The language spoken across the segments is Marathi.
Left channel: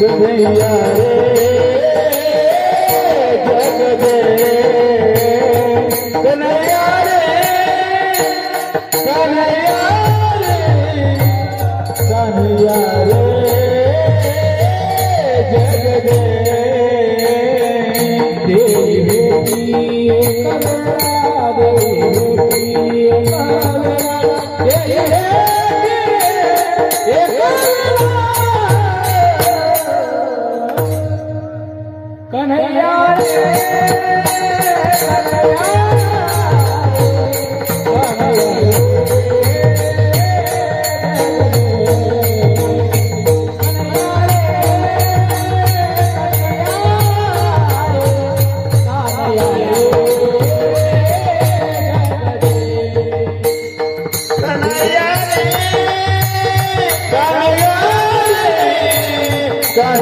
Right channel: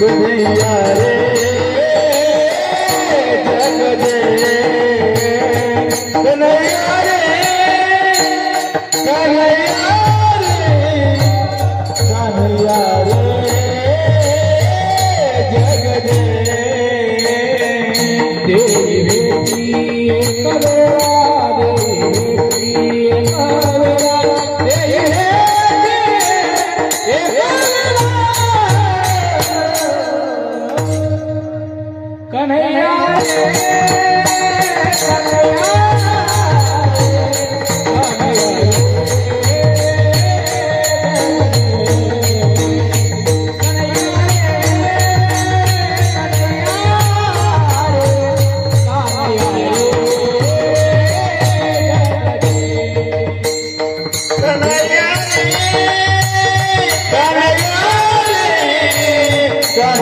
Good day, yeah. Yeah.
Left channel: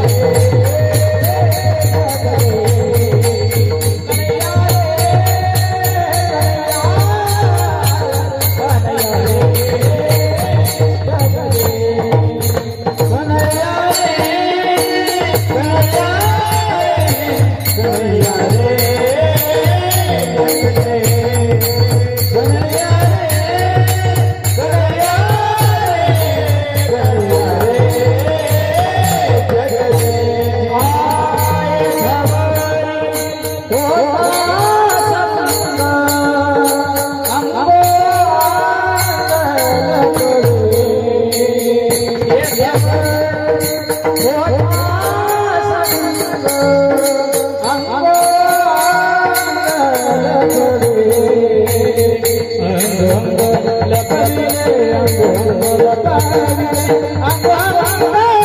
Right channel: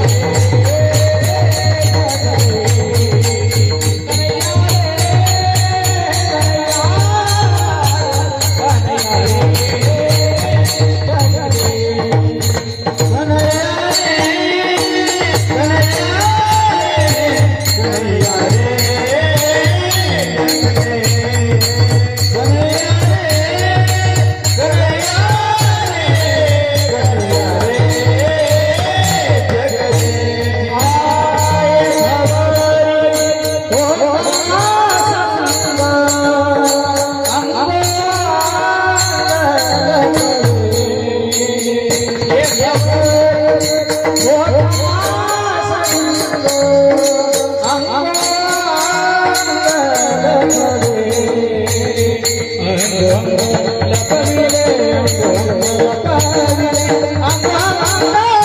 Thank. I'm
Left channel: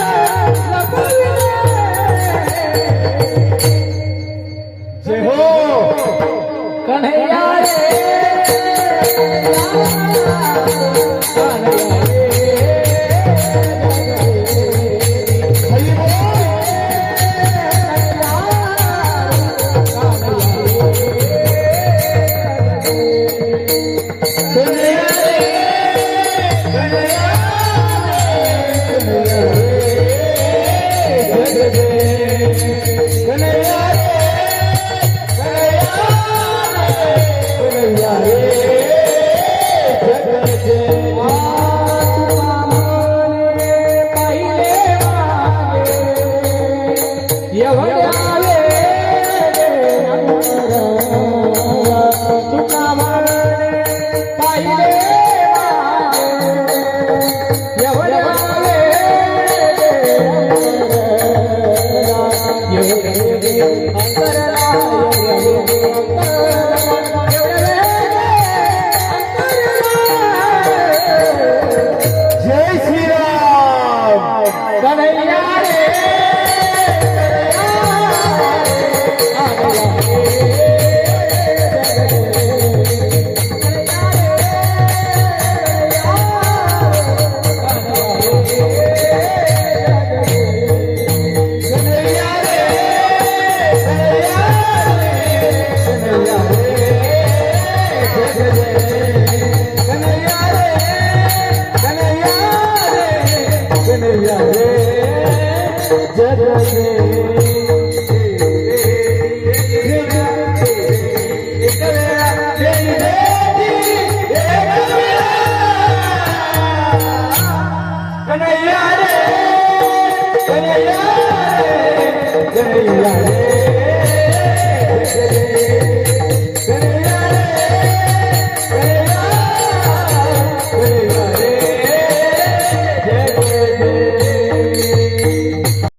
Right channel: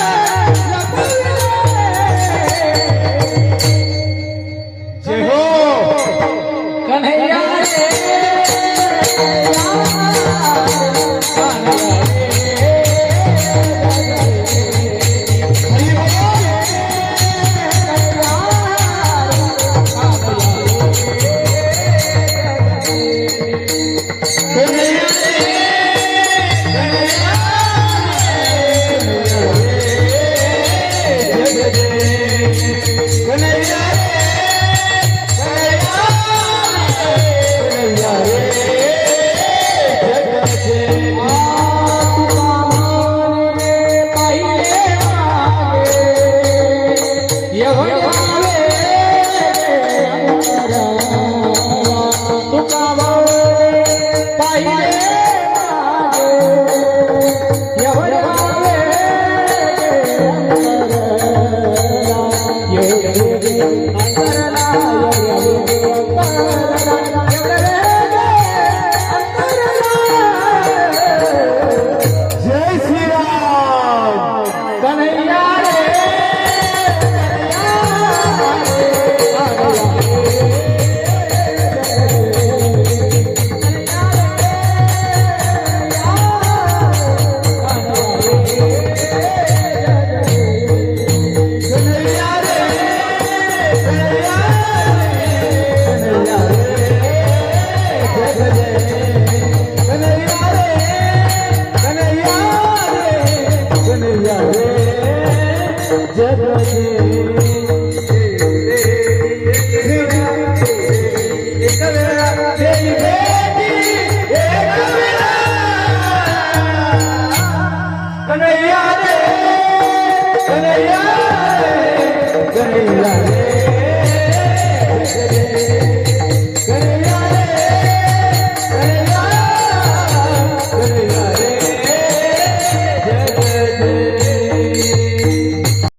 Thank you. Yeah.